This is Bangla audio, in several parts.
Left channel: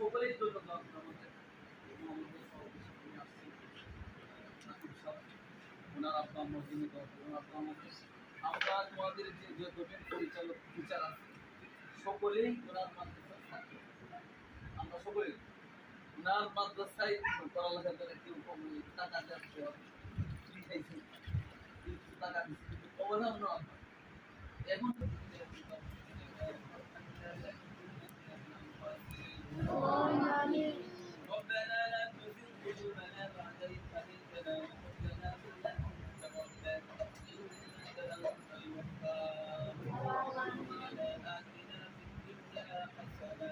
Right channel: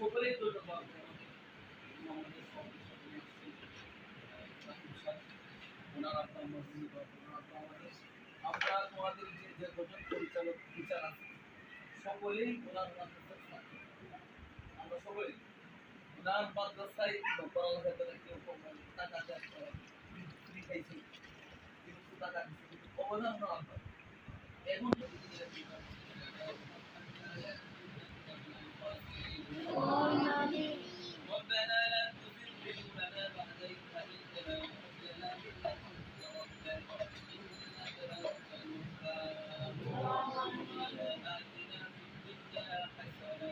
সকলেই তো আমাদের আমাদের সহকর্মী আসছেন রাকিব সাহেব, ওনার আব্বা আম্মার জন্য দোয়া করবেন। ওনার আব্বা আমাদের আমরা তোমাদের যে কজন পরিচালক টিচার আছে সকলেই ওনার মাদ্রাসার ছাত্র। আমরা সকলেই ওনার মাদ্রাসায় পড়ালেখা করে কেউ টাকা দেওয়া খাইছি, কিছু টাকা দিচ্ছি, কিন্তু অবদান ওনার আব্বা। এখন ربنا لا تزغ قلوبنا بعد إذ هديتنا وهب لنا من لدنك رحمة إنك أنت الوهاب ربنا آتنا في الدنيا حسنة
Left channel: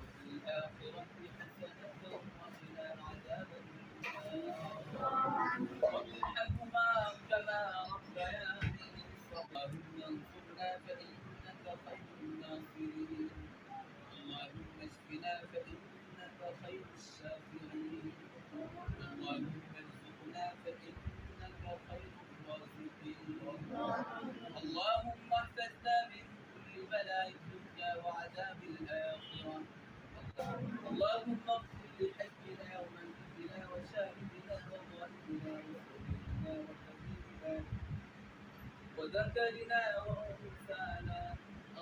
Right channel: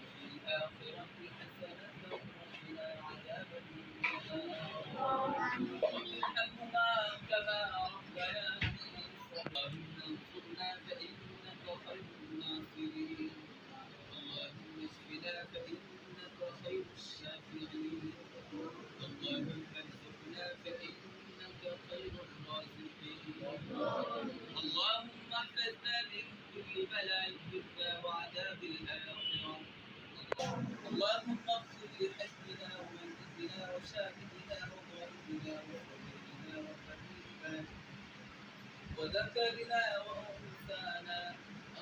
وفي الآخرة حسنة وقنا عذاب النار رب ارحمهما كما ربياني صغيرا اللهم انصرنا فإنك خير الناصرين اللهم اشفنا فإنك خير الشافعين اللهم ارزقنا فإنك خير الرازقين اللهم احفظنا من كل بلاء الدنيا وعذاب الآخرة اللهم اغفر لحجنا وميتنا وشاهدنا وغائبنا وصغيرنا وكبيرنا وذكرنا وأنثانا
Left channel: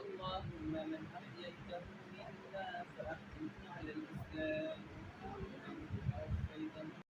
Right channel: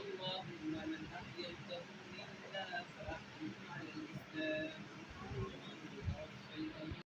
اللهم من أحييته منا فأحييه على الإسلام